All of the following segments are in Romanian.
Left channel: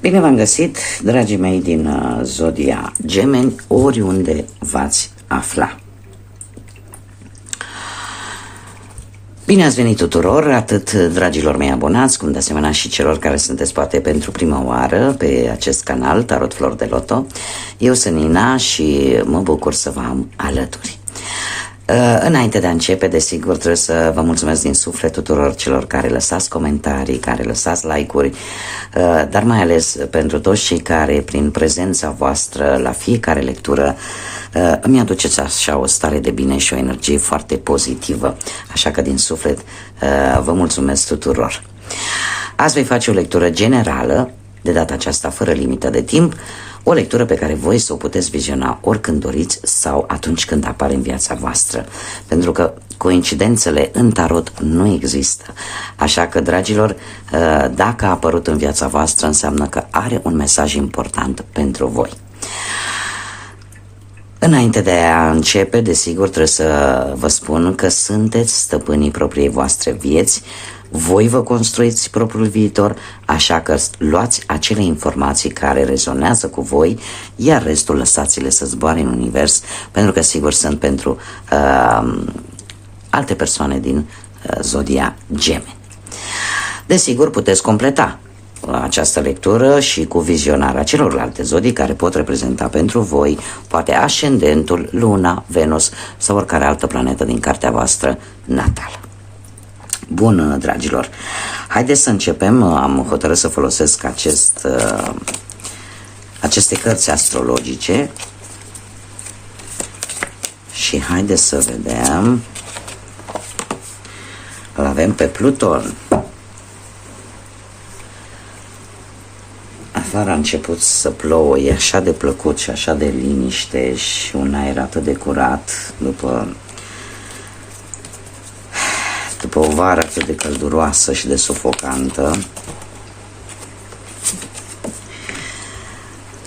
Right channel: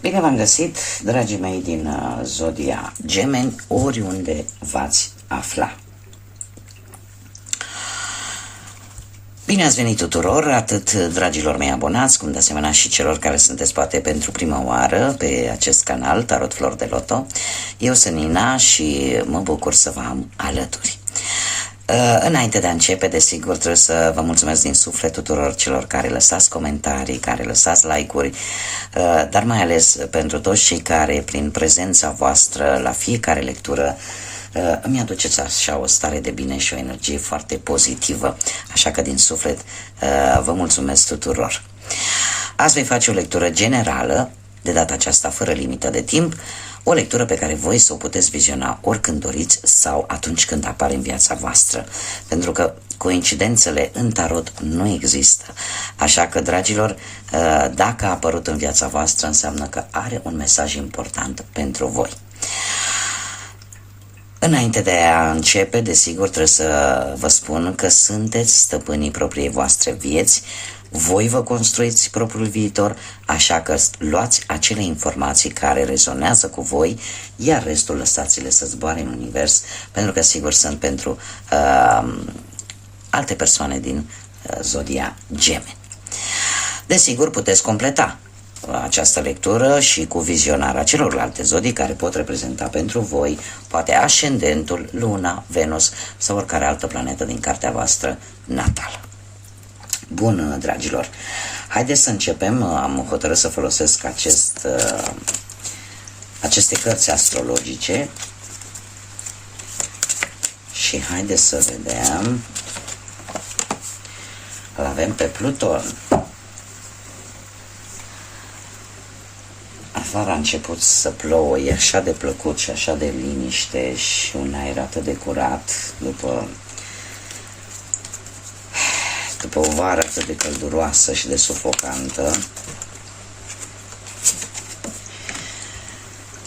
Bine v-am găsit, dragii mei din Zodia Gemeni, oriunde v-ați afla. Bine ați venit tuturor, atât dragilor mei abonați, cum de asemenea și celor care sunteți poate pentru prima oară pe acest canal, Tarot Flor de Loto. Eu sunt Nina și mă bucur să vă am alături. Înainte de a începe, desigur, trebuie să vă mulțumesc din suflet tuturor celor care lăsați comentarii, care lăsați like-uri, dar mai ales pentru toți cei care, prin prezența voastră la fiecare lectură, îmi aduceți așa o stare de bine și o energie foarte pozitivă. Așa că din suflet vă mulțumesc tuturor. Azi voi face o lectură generală, de data aceasta fără limită de timp, o lectură pe care voi să o puteți viziona oricând doriți sau atunci când apare în viața voastră. Pentru că coincidențele în tarot nu există. Așa că, dragilor, dacă a apărut în viața voastră, înseamnă că are un mesaj important pentru voi. Înainte de a începe, desigur, trebuie să vă spun că sunteți stăpânii propriei voastre vieți. Voi vă construiți propriul viitor, așa că luați acele informații care rezonează cu voi, iar restul lăsați-le să zboare în univers, pentru că sigur sunt pentru alte persoane din Zodia Gemeni. Desigur, puteți completa această lectură și cu vizionarea celorlalte zodii care pot reprezenta pentru voi, poate ascendentul, luna, Venus sau oricare altă planetă din cartea voastră natală. Bun, dragilor, haideți să începem. Am hotărât să folosesc aceste cărți astrologice și haideți să vedem. Îl avem pe Pluton. Afară a început să plouă, e așa de plăcut și așa de liniște și un aer atât de curat după o vară atât de călduroasă și de sufocantă.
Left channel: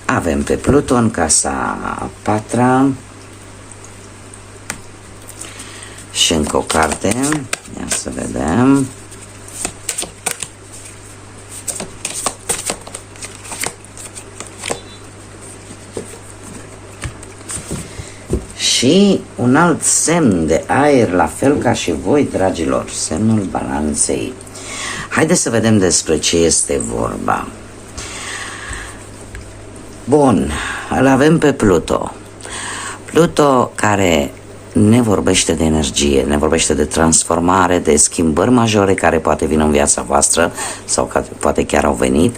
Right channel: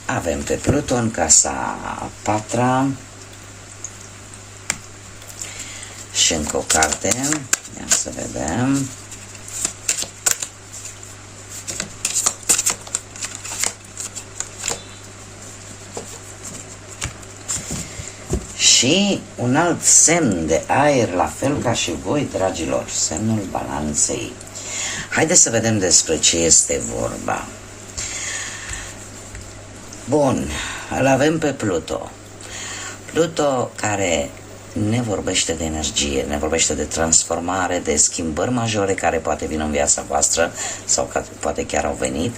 Avem pe Pluton, casa a patra și încă o carte. Ia să vedem. Și un alt semn de aer, la fel ca și voi, dragilor, semnul Balanței. Haideți să vedem despre ce este vorba. Bun, îl avem pe Pluto. Pluto care ne vorbește de energie, ne vorbește de transformare, de schimbări majore care poate vin în viața voastră sau poate chiar au venit,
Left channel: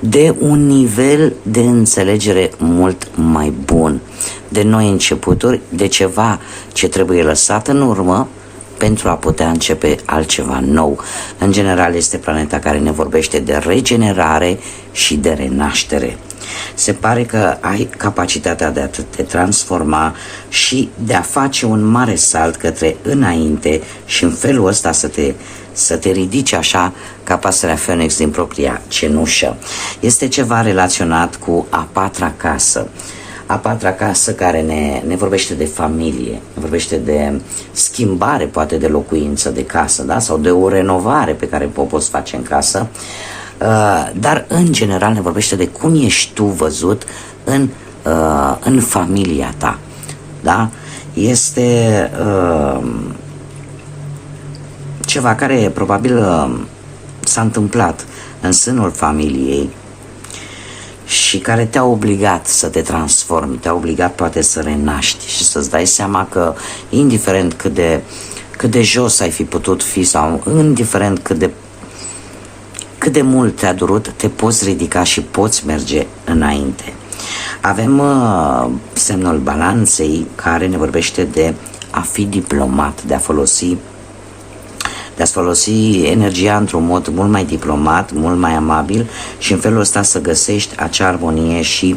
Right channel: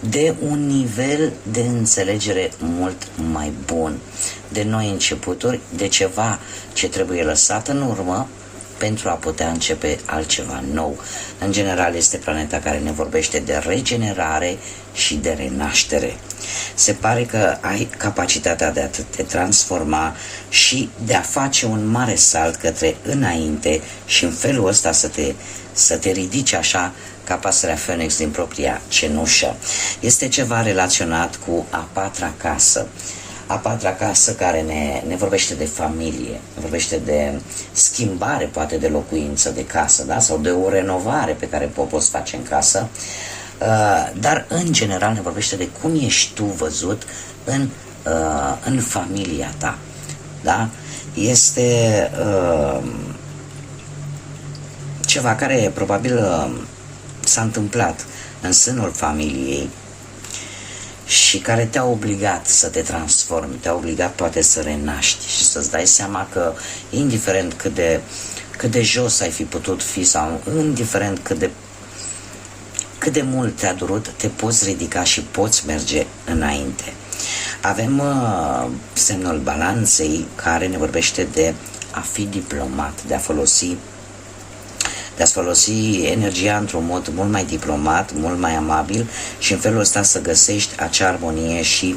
de un nivel de înțelegere mult mai bun, de noi începuturi, de ceva ce trebuie lăsat în urmă pentru a putea începe altceva nou. În general este planeta care ne vorbește de regenerare și de renaștere. Se pare că ai capacitatea de a te transforma și de a face un mare salt către înainte și în felul ăsta să te ridici așa ca pasărea Phoenix din propria cenușă. Este ceva relaționat cu a patra casă. A patra casă care ne vorbește de familie, ne vorbește de schimbare, poate de locuință, de casă, da? Sau de o renovare pe care o poți face în casă, dar în general ne vorbește de cum ești tu văzut în familia ta. Da? Este ceva care probabil s-a întâmplat în sânul familiei și care te-a obligat să te transformi, te-a obligat poate să renaști și să-ți dai seama că indiferent cât de jos ai fi putut fi sau indiferent cât de mult te-a durut, te poți ridica și poți merge înainte. Avem semnul Balanței care ne vorbește de a fi diplomat, de a-ți folosi energia într-un mod mult mai diplomat, mult mai amabil și în felul ăsta să găsești acea armonie și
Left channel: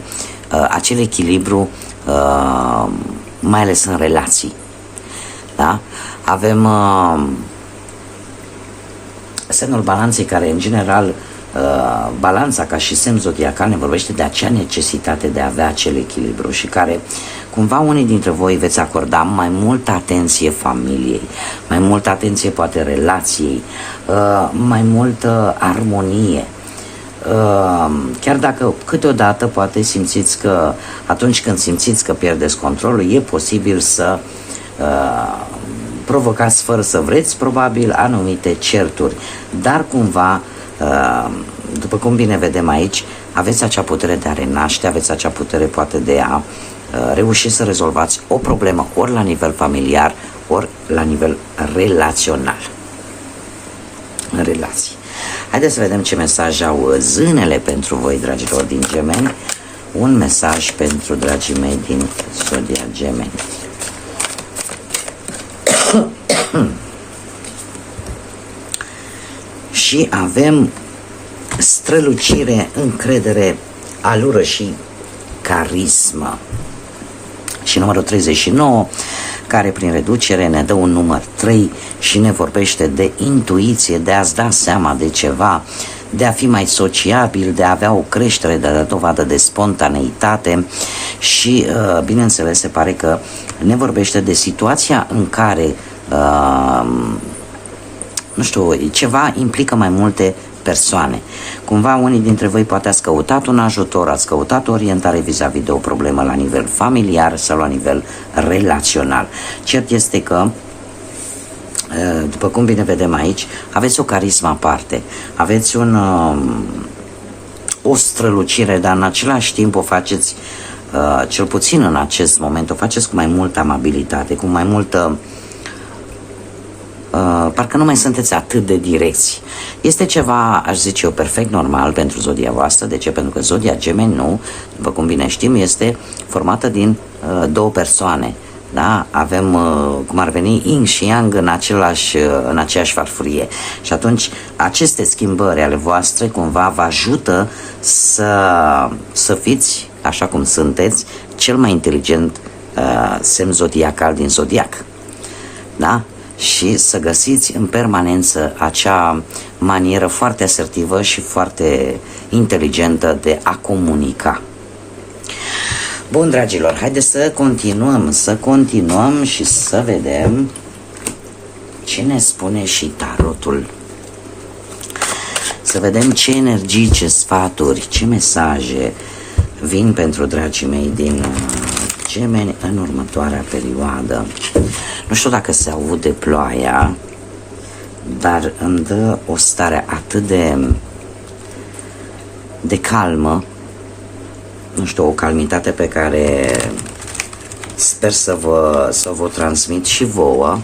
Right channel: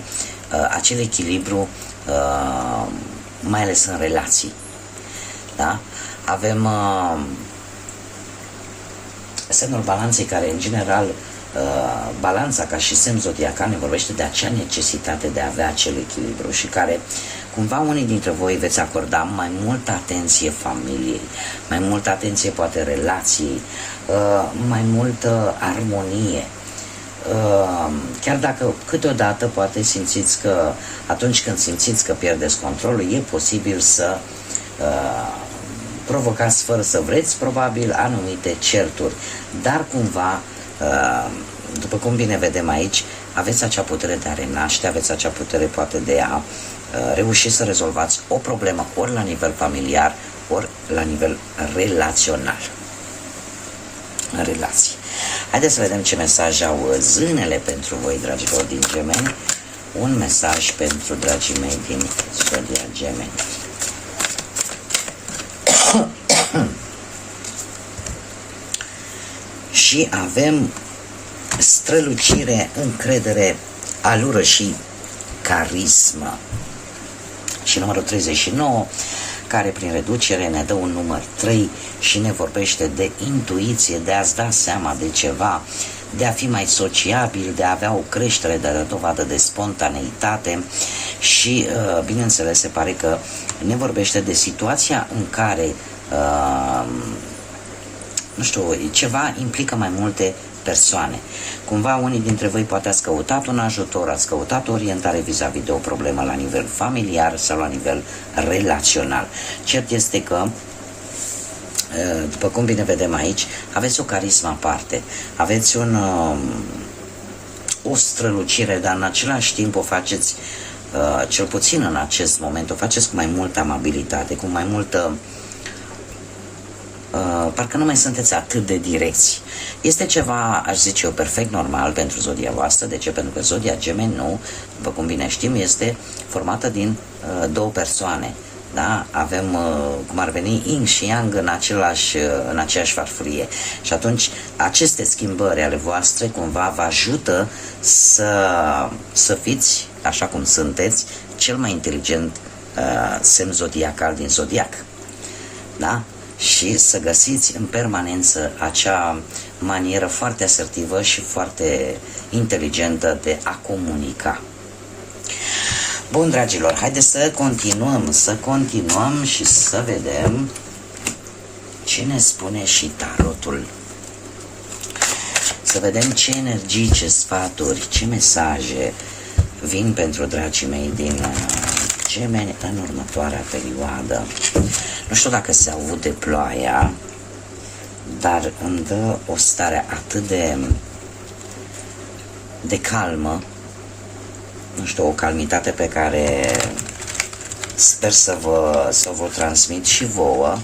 acel echilibru, mai ales în relații. Da? Avem semnul Balanței care în general balanța ca și semn zodiacal ne vorbește de acea necesitate de a avea acel echilibru și care cumva unii dintre voi veți acorda mai multă atenție familiei, mai multă atenție poate relației, mai multă armonie. chiar dacă câteodată poate simțiți că atunci când simțiți că pierdeți controlul, e posibil să provocați fără să vreți probabil anumite certuri, dar cumva după cum bine vedem aici, aveți acea putere de a renaște, aveți acea putere poate de a reuși să rezolvați o problemă ori la nivel familiar, ori la nivel relațional, în relații. Haideți să vedem ce mesaj au zânele pentru voi, dragilor din Gemeni. Un mesaj pentru dragii mei din Zodia Gemeni. Și avem strălucire, încredere, alură și carismă. Și numărul 39, care prin reducere ne dă un număr 3 și ne vorbește de intuiție, de a-ți da seama de ceva, de a fi mai sociabil, de a avea o creștere, de a da dovadă de spontaneitate și, bineînțeles, se pare că ne vorbește de situația în care, nu știu, ceva implică mai multe persoane. Cumva unii dintre voi poate ați căutat un ajutor, ați căutat o orientare vis-a-vis de o problemă la nivel familiar sau la nivel relațional. Cert este că, după cum bine vedem aici, aveți o carismă aparte, aveți o strălucire, dar în același timp o faceți, cel puțin în acest moment, o faceți cu mai multă amabilitate, cu mai multă parcă nu mai sunteți atât de direcți. Este ceva, aș zice eu, perfect normal pentru zodia voastră. De ce? Pentru că zodia Gemeni, nu, după cum bine știm, este formată din două persoane. Da? Avem, cum ar veni, yin și yang în aceeași farfurie. Și atunci, aceste schimbări ale voastre cumva vă ajută să fiți, așa cum sunteți, cel mai inteligent semn zodiacal din zodiac. Da? Și să găsiți în permanență acea manieră foarte asertivă și foarte inteligentă de a comunica. Bun, dragilor, haideți să continuăm și să vedem ce ne spune și tarotul. Să vedem ce energii, ce sfaturi, ce mesaje vin pentru dragii mei din Gemeni în următoarea perioadă. Nu știu dacă se aude ploaia, dar îmi dă o stare atât de calmă, nu știu, o calmitate pe care sper să vă transmit și vouă.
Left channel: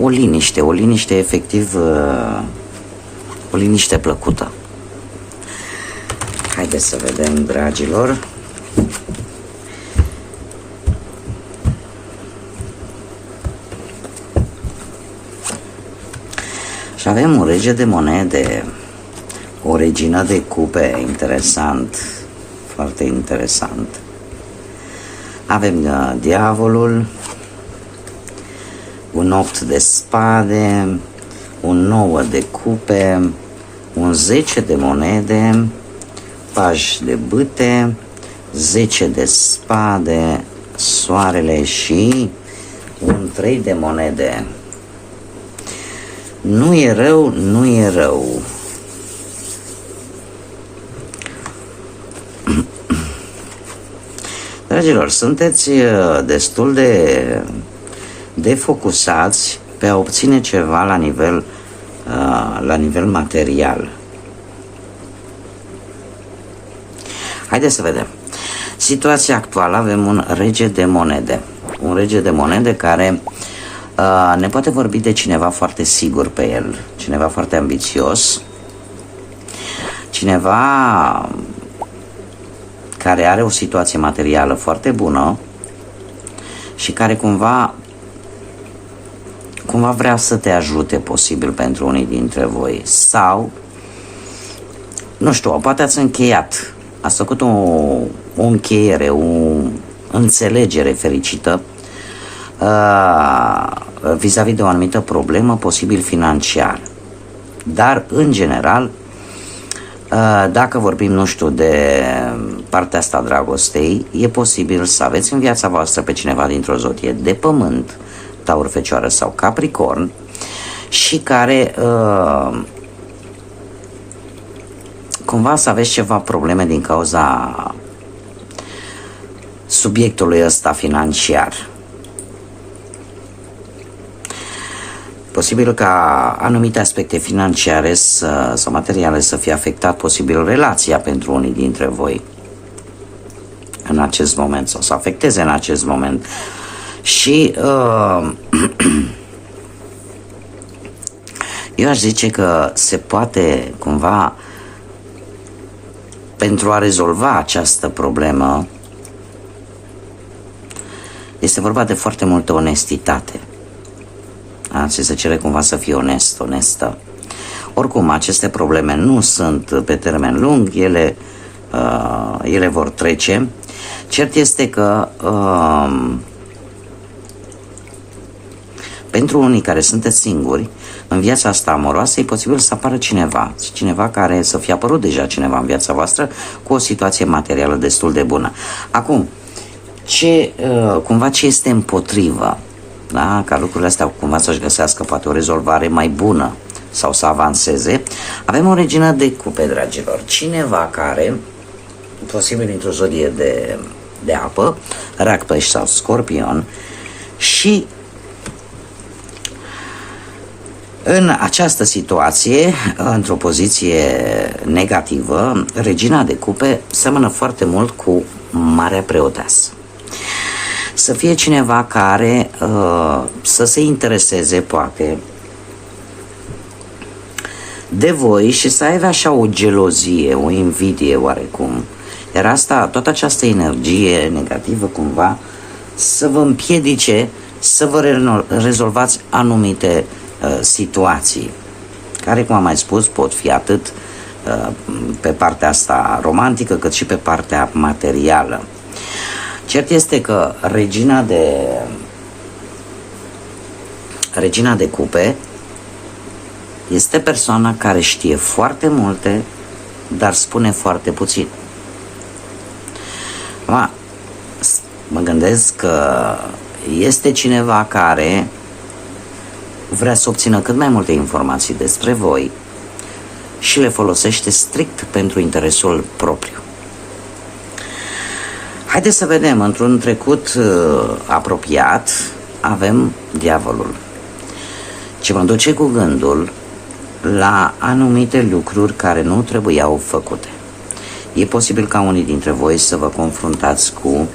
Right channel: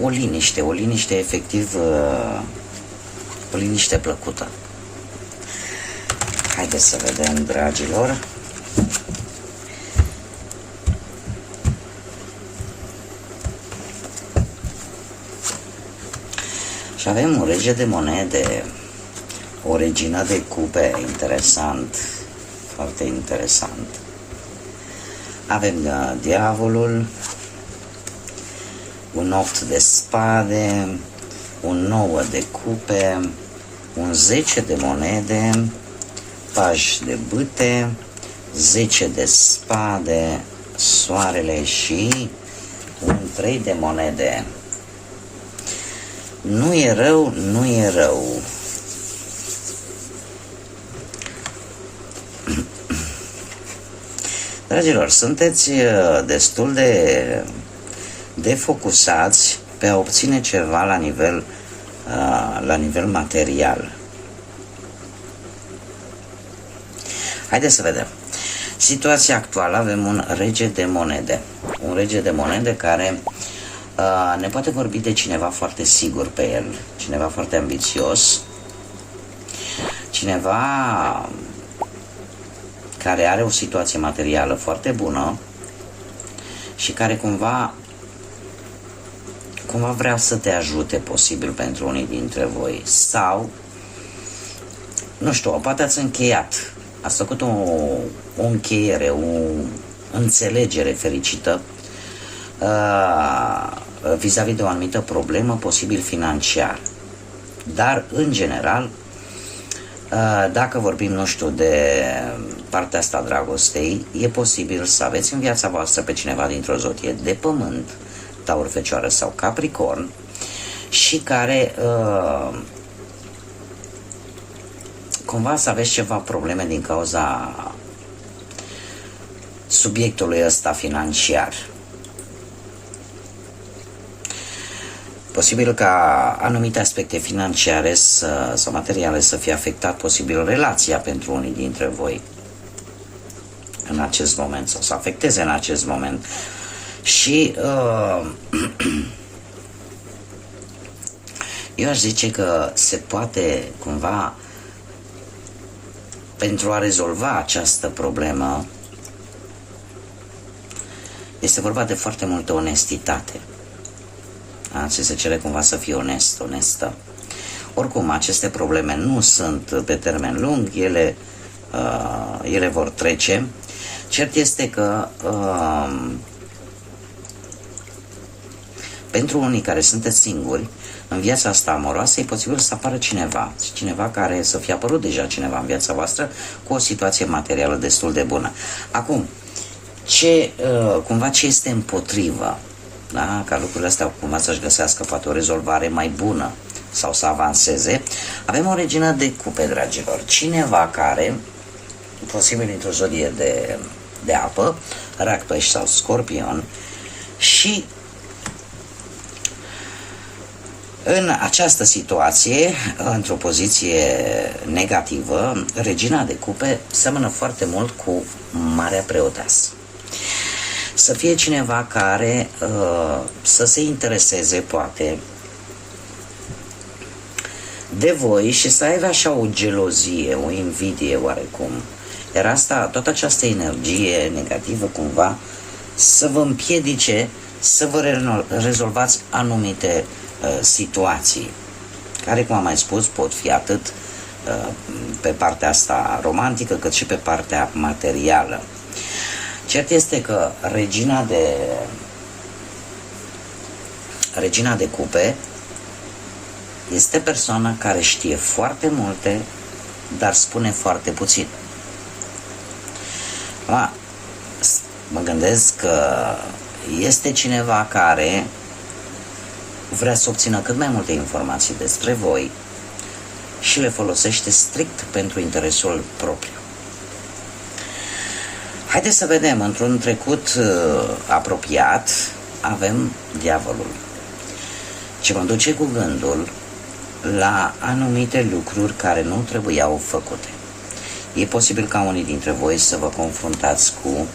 O liniște efectiv, o liniște plăcută. Haideți să vedem, dragilor. Și avem un rege de monede, o regină de cupe, interesant, foarte interesant. Avem diavolul, un 8 de spade, un 9 de cupe, un 10 de monede, paj de bâte, 10 de spade, soarele și un 3 de monede. Nu e rău, nu e rău. Dragilor, sunteți destul de focusați pe a obține ceva la nivel material. Haideți să vedem. Situația actuală, avem un rege de monede. Un rege de monede care ne poate vorbi de cineva foarte sigur pe el, cineva foarte ambițios, cineva care are o situație materială foarte bună și care cumva vrea să te ajute, posibil, pentru unii dintre voi. Sau, nu știu, poate ați încheiat, ați făcut o încheiere, o înțelegere fericită vis-a-vis de o anumită problemă, posibil financiar. Dar, în general, dacă vorbim, nu știu, de partea asta a dragostei, e posibil să aveți în viața voastră pe cineva dintr-o zodie de pământ, Taur, Fecioară sau Capricorn, și care cumva să aveți ceva probleme din cauza subiectului ăsta financiar. Posibil ca anumite aspecte financiare sau materiale să fie afectat, posibil relația pentru unii dintre voi în acest moment, sau să afecteze în acest moment. Și eu aș zice că se poate cumva, pentru a rezolva această problemă, este vorba de foarte multă onestitate. Ți se cere cumva să fii onestă. Oricum, aceste probleme nu sunt pe termen lung, ele vor trece. Cert este că pentru unii care sunteți singuri, în viața asta amoroasă e posibil să apară cineva care să fie apărut deja cineva în viața voastră cu o situație materială destul de bună. Acum, ce este împotrivă, da? Ca lucrurile astea cumva să-și găsească poate o rezolvare mai bună sau să avanseze, avem o regină de cupe, dragilor. Cineva care, posibil într-o zodie de apă, rac, pești sau scorpion, și în această situație, într-o poziție negativă, regina de cupe seamănă foarte mult cu Marea Preoteasă. Să fie cineva care să se intereseze, poate, de voi și să aibă așa o gelozie, o invidie oarecum. Iar toată această energie negativă cumva să vă împiedice să vă rezolvați anumite situații, care, cum am mai spus, pot fi atât pe partea asta romantică, cât și pe partea materială. Cert este că regina de cupe este persoana care știe foarte multe, dar spune foarte puțin. Mă gândesc că este cineva care vrea să obțină cât mai multe informații despre voi și le folosește strict pentru interesul propriu. Haideți să vedem, într-un trecut apropiat avem diavolul, ce mă duce cu gândul la anumite lucruri care nu trebuiau făcute. E posibil ca unii dintre voi să vă confruntați cu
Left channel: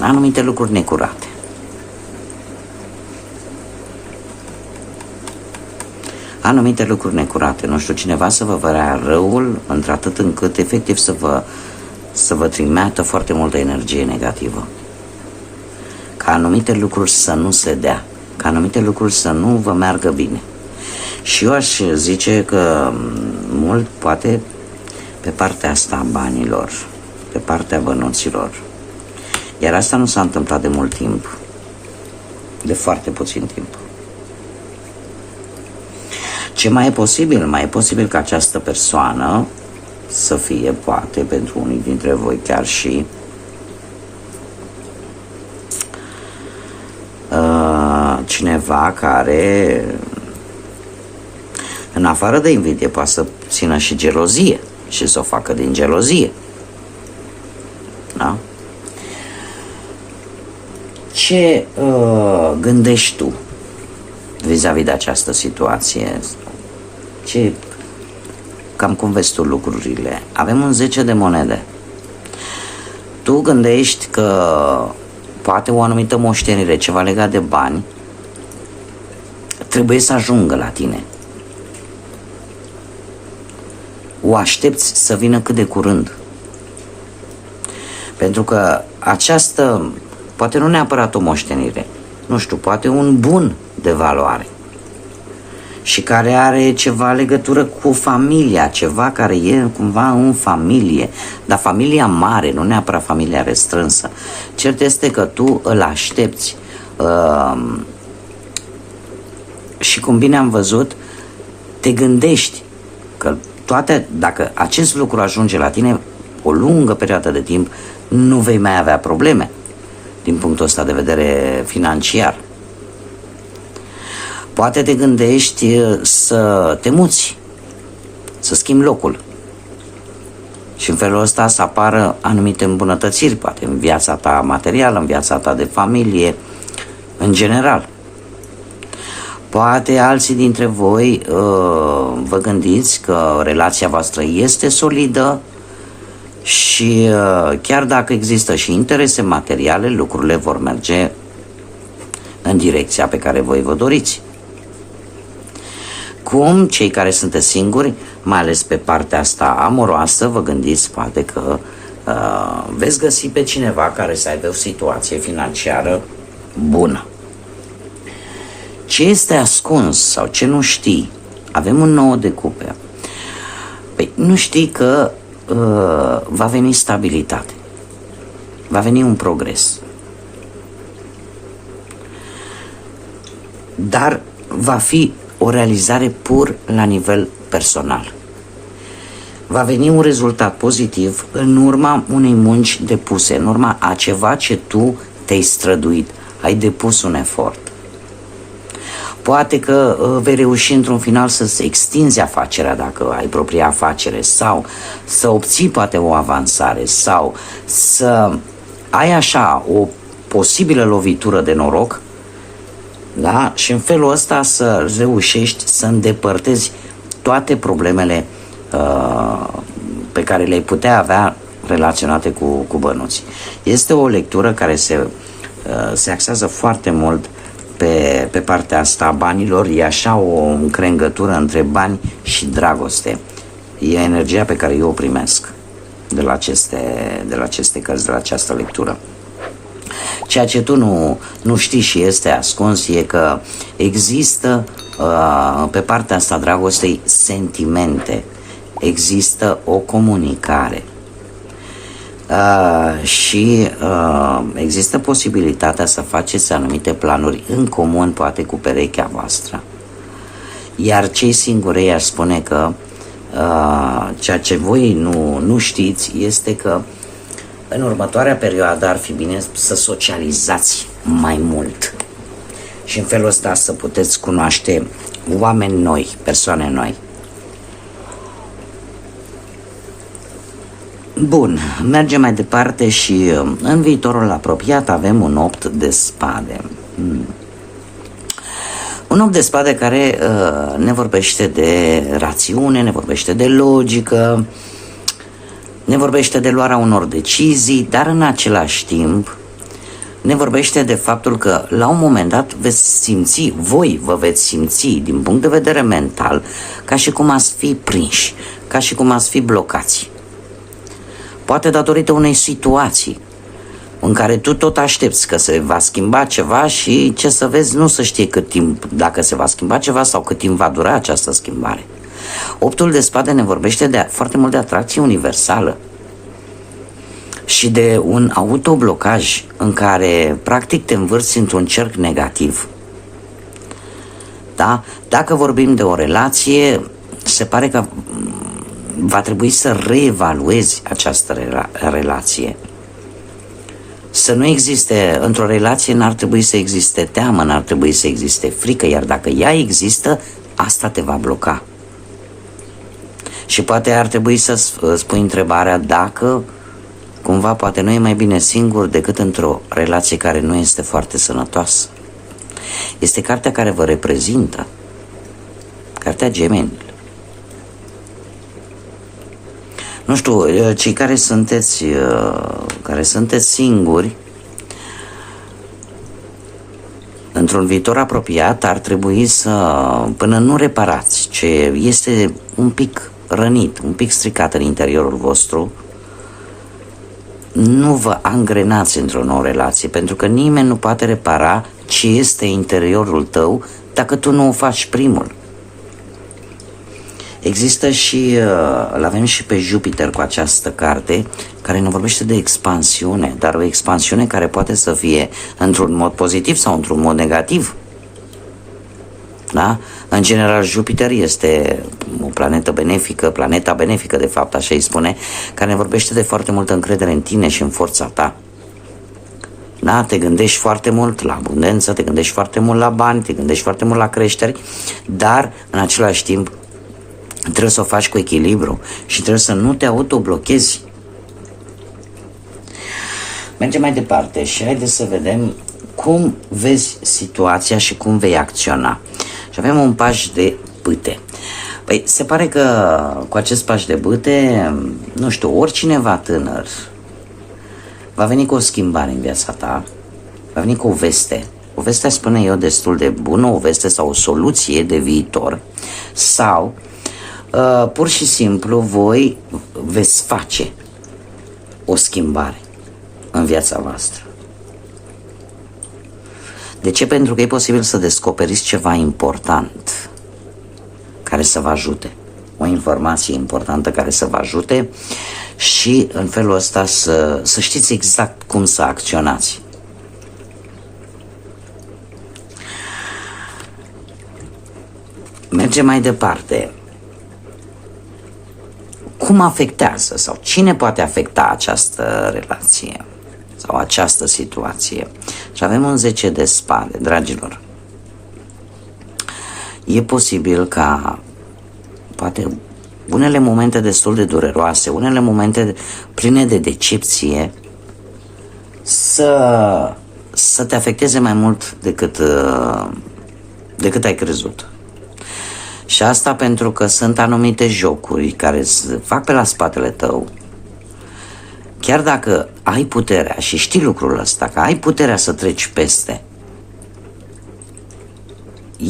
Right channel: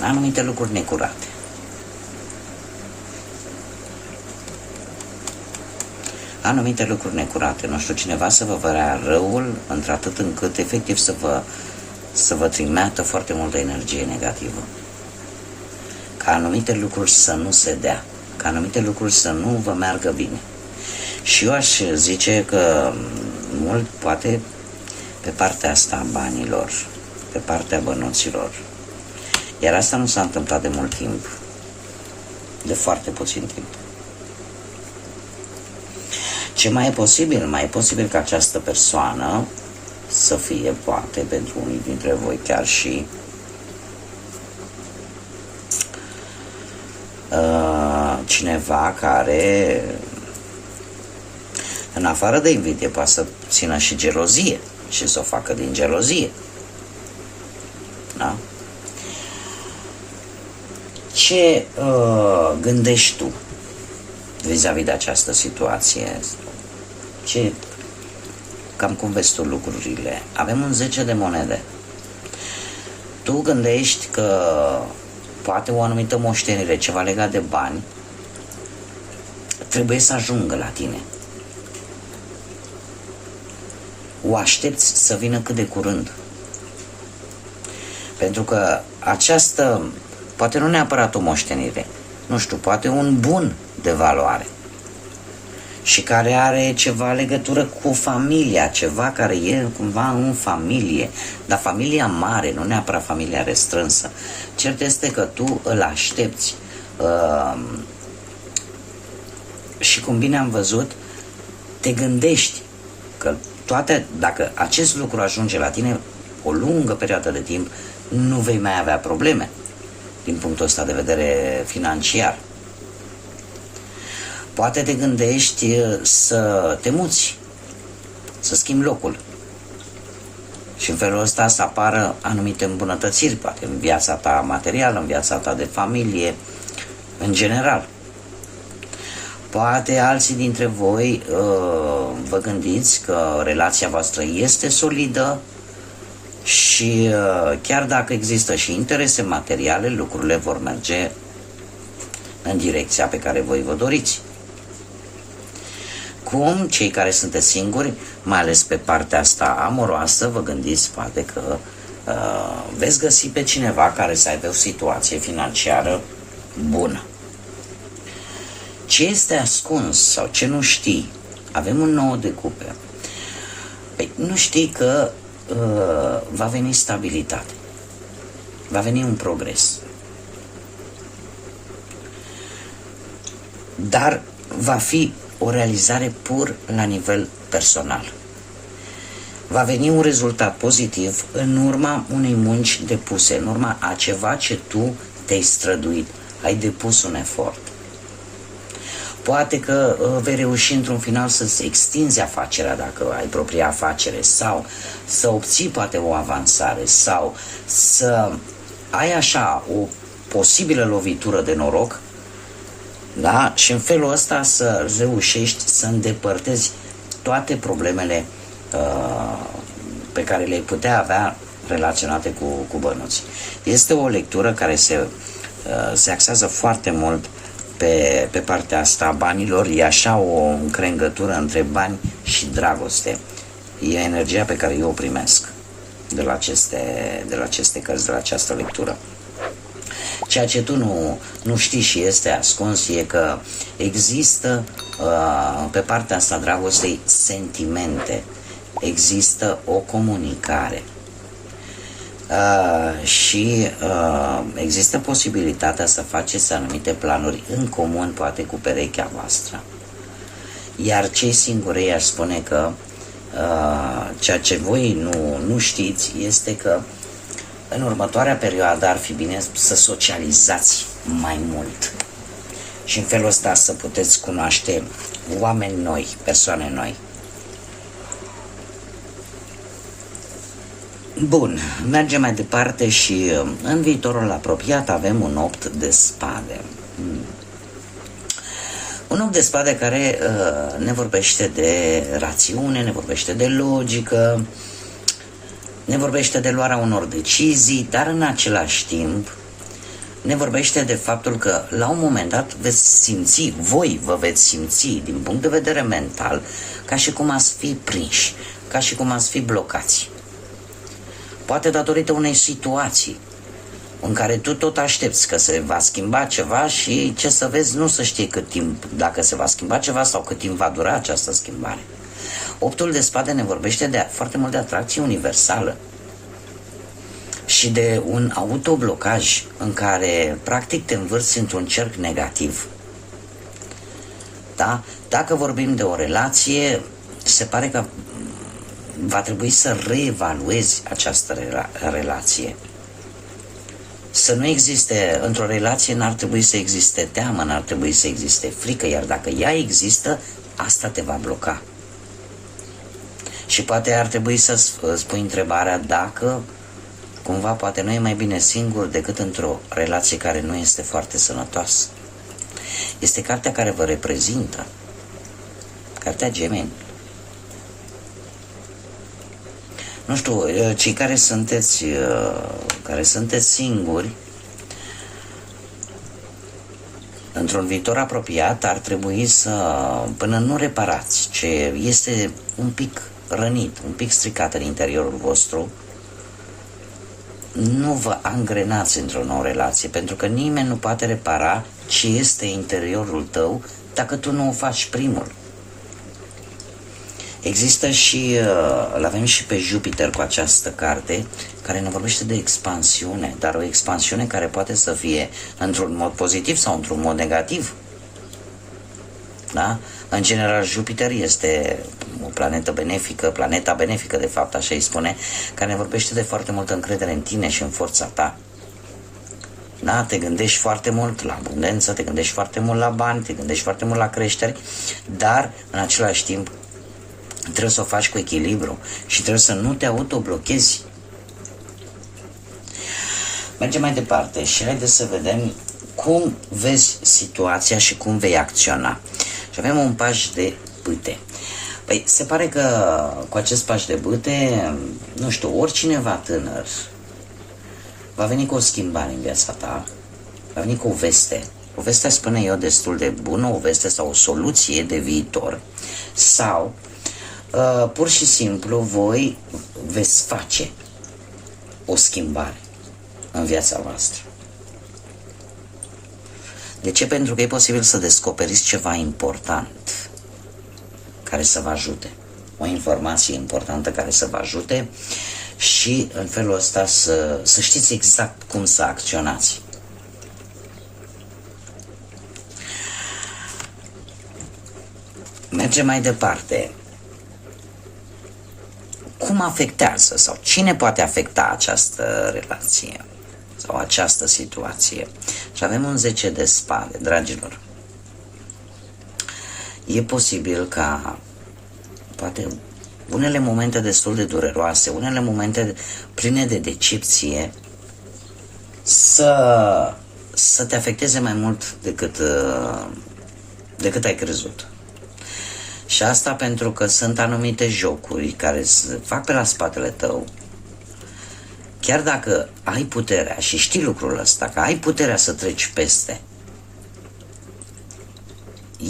anumite lucruri necurate. Anumite lucruri necurate, nu știu, cineva să vă vrea răul într-atât încât efectiv să vă trimeată foarte multă energie negativă. Ca anumite lucruri să nu se dea, ca anumite lucruri să nu vă meargă bine. Și eu aș zice că mult poate pe partea asta a banilor, pe partea bănuților. Iar asta nu s-a întâmplat de mult timp, de foarte puțin timp. Ce mai e posibil? Mai e posibil ca această persoană să fie, poate, pentru unii dintre voi chiar și cineva care, în afară de invidie, poate să țină și gelozie și să o facă din gelozie. Da? Ce gândești tu vis-a-vis de această situație? Cam cum vezi tu lucrurile? Avem un 10 de monede. Tu gândești că poate o anumită moștenire, ceva legat de bani, trebuie să ajungă la tine. O aștepți să vină cât de curând. Pentru că această, poate nu neapărat o moștenire, nu știu, poate un bun de valoare și care are ceva legătură cu familia, ceva care e cumva în familie, dar familia mare, nu neapărat familia restrânsă. Cert este că tu îl aștepți și, cum bine am văzut, te gândești că dacă acest lucru ajunge la tine o lungă perioadă de timp, nu vei mai avea probleme din punctul ăsta de vedere financiar. Poate te gândești să te muți, să schimbi locul. Și în felul ăsta să apară anumite îmbunătățiri, poate în viața ta materială, în viața ta de familie, în general. Poate alții dintre voi vă gândiți că relația voastră este solidă și chiar dacă există și interese materiale, lucrurile vor merge în direcția pe care voi vă doriți. Cum cei care sunteți singuri, mai ales pe partea asta amoroasă, vă gândiți poate că veți găsi pe cineva care să aibă o situație financiară bună. Ce este ascuns sau ce nu știi? Avem un 9 de cupe. Păi nu știi că va veni stabilitate, va veni un progres, dar va fi o realizare pur la nivel personal. Va veni un rezultat pozitiv în urma unei munci depuse, în urma a ceva ce tu te-ai străduit, ai depus un efort. Poate că vei reuși într-un final să extinzi afacerea dacă ai propria afacere sau să obții poate o avansare sau să ai așa o posibilă lovitură de noroc, da? Și în felul ăsta să reușești să îndepărtezi toate problemele pe care le-ai putea avea relaționate cu bănuți. Este o lectură care se axează foarte mult pe partea asta a banilor. E așa o încrengătură între bani și dragoste. E energia pe care eu o primesc de la aceste cărți, de la această lectură. Ceea ce tu nu știi și este ascuns e că există pe partea asta a dragostei sentimente, există o comunicare și există posibilitatea să faceți anumite planuri în comun, poate cu perechea voastră. Iar cei singuri aș spune că ceea ce voi nu știți este că în următoarea perioadă ar fi bine să socializați mai mult și în felul ăsta să puteți cunoaște oameni noi, persoane noi. Bun, mergem mai departe și în viitorul apropiat avem un 8 de spade. Un 8 de spade care ne vorbește de rațiune, ne vorbește de logică, ne vorbește de luarea unor decizii, dar în același timp ne vorbește de faptul că la un moment dat veți simți, voi vă veți simți din punct de vedere mental ca și cum ați fi prinși, ca și cum ați fi blocați. Poate datorită unei situații în care tu tot aștepți că se va schimba ceva și ce să vezi nu se știe cât timp, dacă se va schimba ceva sau cât timp va dura această schimbare. Optul de spade ne vorbește foarte mult de atracție universală și de un autoblocaj în care practic te învârți într-un cerc negativ. Da? Dacă vorbim de o relație, se pare că va trebui să reevaluezi această relație. Să nu existe, într-o relație n-ar trebui să existe teamă, n-ar trebui să existe frică, iar dacă ea există, asta te va bloca. Și poate ar trebui să spui întrebarea dacă cumva poate nu e mai bine singur decât într-o relație care nu este foarte sănătoasă. Este cartea care vă reprezintă, cartea Gemenilor. Nu știu, cei care sunteți singuri, într-un viitor apropiat ar trebui să, până nu reparați ce este un pic rănit, un pic stricat în interiorul vostru, nu vă angrenați într-o nouă relație, pentru că nimeni nu poate repara ce este interiorul tău dacă tu nu o faci primul. Există și, îl avem și pe Jupiter cu această carte, care ne vorbește de expansiune, dar o expansiune care poate să fie într-un mod pozitiv sau într-un mod negativ. Da? În general, Jupiter este o planetă benefică, planeta benefică, de fapt, așa îi spune, care ne vorbește de foarte multă încredere în tine și în forța ta. Da? Te gândești foarte mult la abundență, te gândești foarte mult la bani, te gândești foarte mult la creșteri, dar în același timp trebuie să o faci cu echilibru și trebuie să nu te autoblochezi. Mergem mai departe și haideți să vedem cum vezi situația și cum vei acționa. Și avem un paș de bâte. Păi, se pare că cu acest paș de bâte, nu știu, oricineva tânăr va veni cu o schimbare în viața ta, va veni cu o veste. O veste, spune eu, destul de bună, o veste sau o soluție de viitor, sau pur și simplu voi veți face o schimbare în viața voastră. De ce? Pentru că e posibil să descoperiți ceva important care să vă ajute. O informație importantă care să vă ajute și în felul ăsta să știți exact cum să acționați. Mergem mai departe. Cum afectează sau cine poate afecta această relație sau această situație? Și avem un 10 de spade, dragilor. E posibil ca poate unele momente destul de dureroase, unele momente pline de decepție să te afecteze mai mult decât ai crezut. Și asta pentru că sunt anumite jocuri care se fac pe la spatele tău. Chiar dacă ai puterea și știi lucrul ăsta, că ai puterea să treci peste,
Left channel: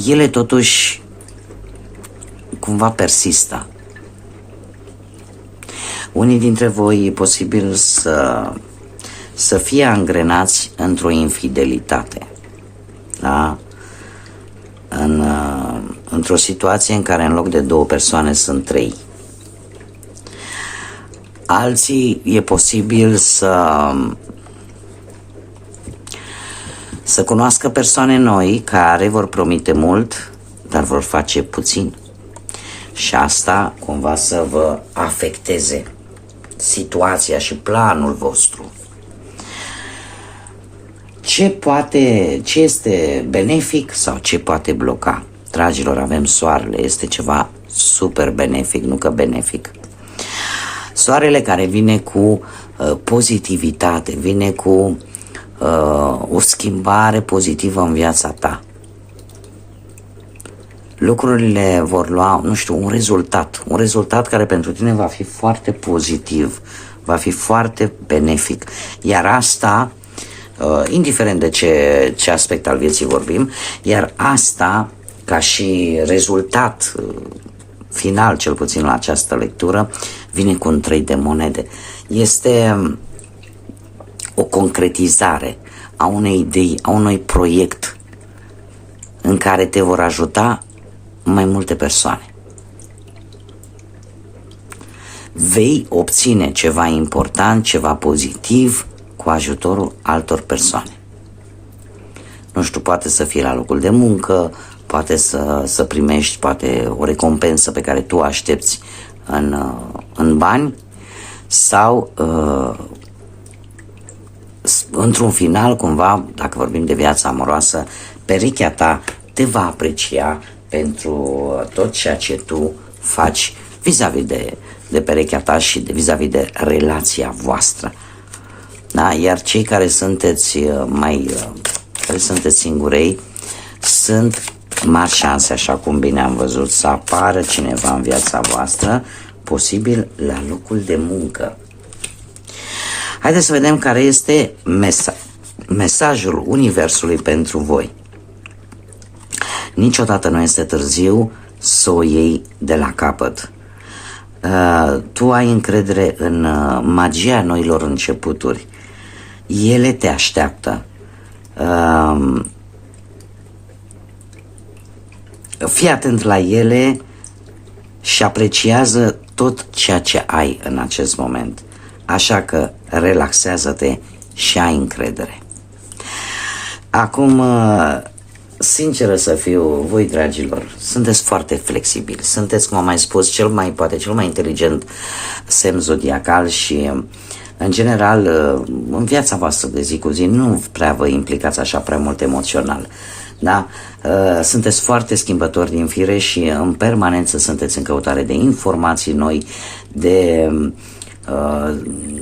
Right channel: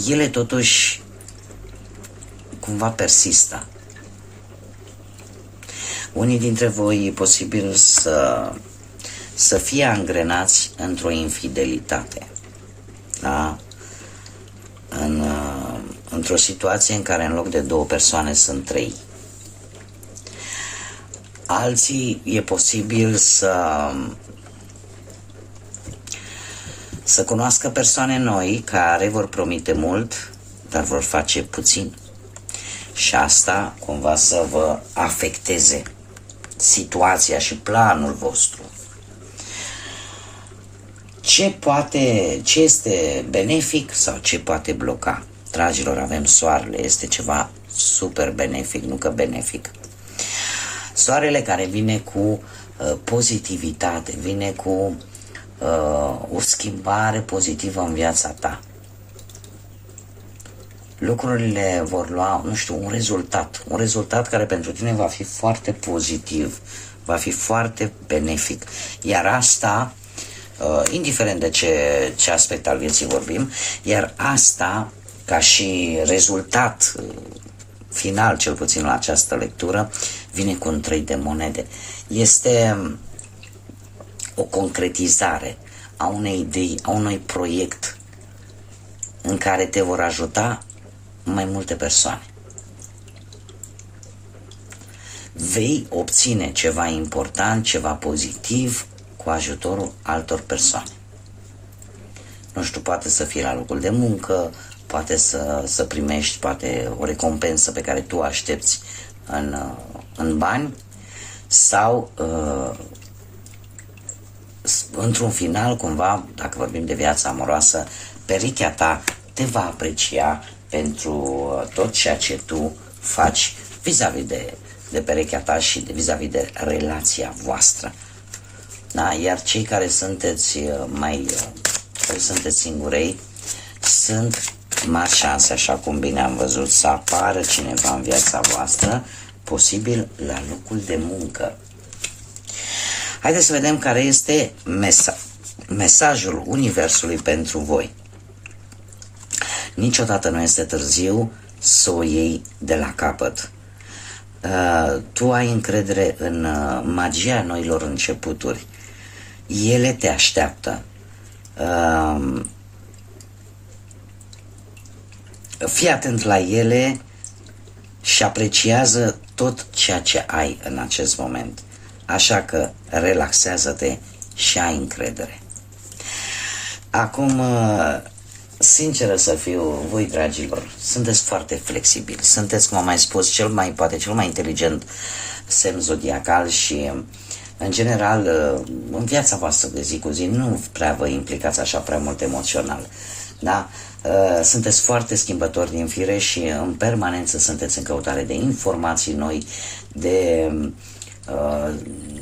ele totuși cumva persistă. Unii dintre voi e posibil să fie angrenați într-o infidelitate. Da? Într-o situație în care în loc de 2 persoane sunt 3. Alții e posibil să cunoască persoane noi care vor promite mult, dar vor face puțin. Și asta cumva să vă afecteze situația și planul vostru. Ce este benefic sau ce poate bloca? Dragilor, avem soarele, este ceva super benefic, nu că benefic. Soarele care vine cu pozitivitate, vine cu o schimbare pozitivă în viața ta. Lucrurile vor lua, nu știu, un rezultat care pentru tine va fi foarte pozitiv, va fi foarte benefic. Iar asta, indiferent de ce aspect al vieții vorbim, iar asta, ca și rezultat final, cel puțin la această lectură, vine cu un 3 de monede. Este o concretizare a unei idei, a unui proiect în care te vor ajuta mai multe persoane. Vei obține ceva important, ceva pozitiv cu ajutorul altor persoane. Nu știu, poate să fie la locul de muncă, poate să primești poate o recompensă pe care tu o aștepți în bani sau într-un final, cumva, dacă vorbim de viața amoroasă, perechea ta te va aprecia pentru tot ceea ce tu faci vis-a-vis de perechea ta și vis-a-vis de relația voastră. Da? Iar cei care sunteți care sunteți singurei, sunt mari șanse, așa cum bine am văzut, să apară cineva în viața voastră, posibil la locul de muncă. Haideți să vedem care este mesajul Universului pentru voi. Niciodată nu este târziu să o iei de la capăt. Tu ai încredere în magia noilor începuturi. Ele te așteaptă. Fii atent la ele și apreciază tot ceea ce ai în acest moment. Așa că relaxează-te și ai încredere. Acum, sinceră să fiu, voi, dragilor, sunteți foarte flexibili. Sunteți, cum am mai spus, cel mai inteligent semn zodiacal și în general, în viața voastră de zi cu zi nu prea vă implicați așa prea mult emoțional. Da? Sunteți foarte schimbători din fire și în permanență sunteți în căutare de informații noi, de,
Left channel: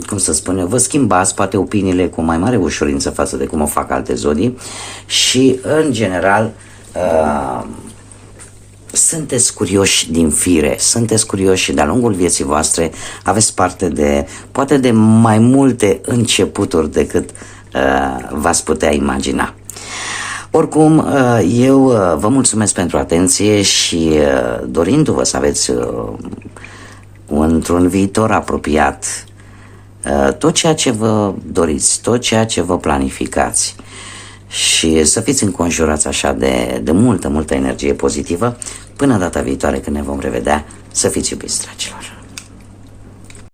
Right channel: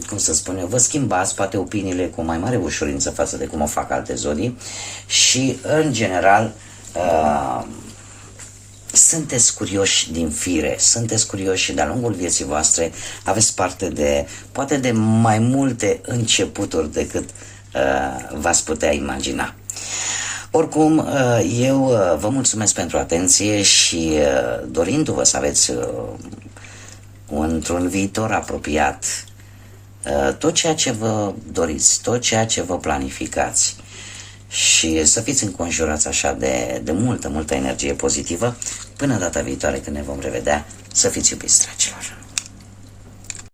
cum să spun eu, vă schimbați poate opiniile cu mai mare ușurință față de cum o fac alte zodii și, în general, sunteți curioși din fire, sunteți curioși și de-a lungul vieții voastre aveți parte de, poate de mai multe începuturi decât v-ați putea imagina. Oricum, eu vă mulțumesc pentru atenție și dorindu-vă să aveți într-un viitor apropiat tot ceea ce vă doriți, tot ceea ce vă planificați și să fiți înconjurați așa de multă energie pozitivă. Până data viitoare când ne vom revedea, să fiți iubiți, dragilor!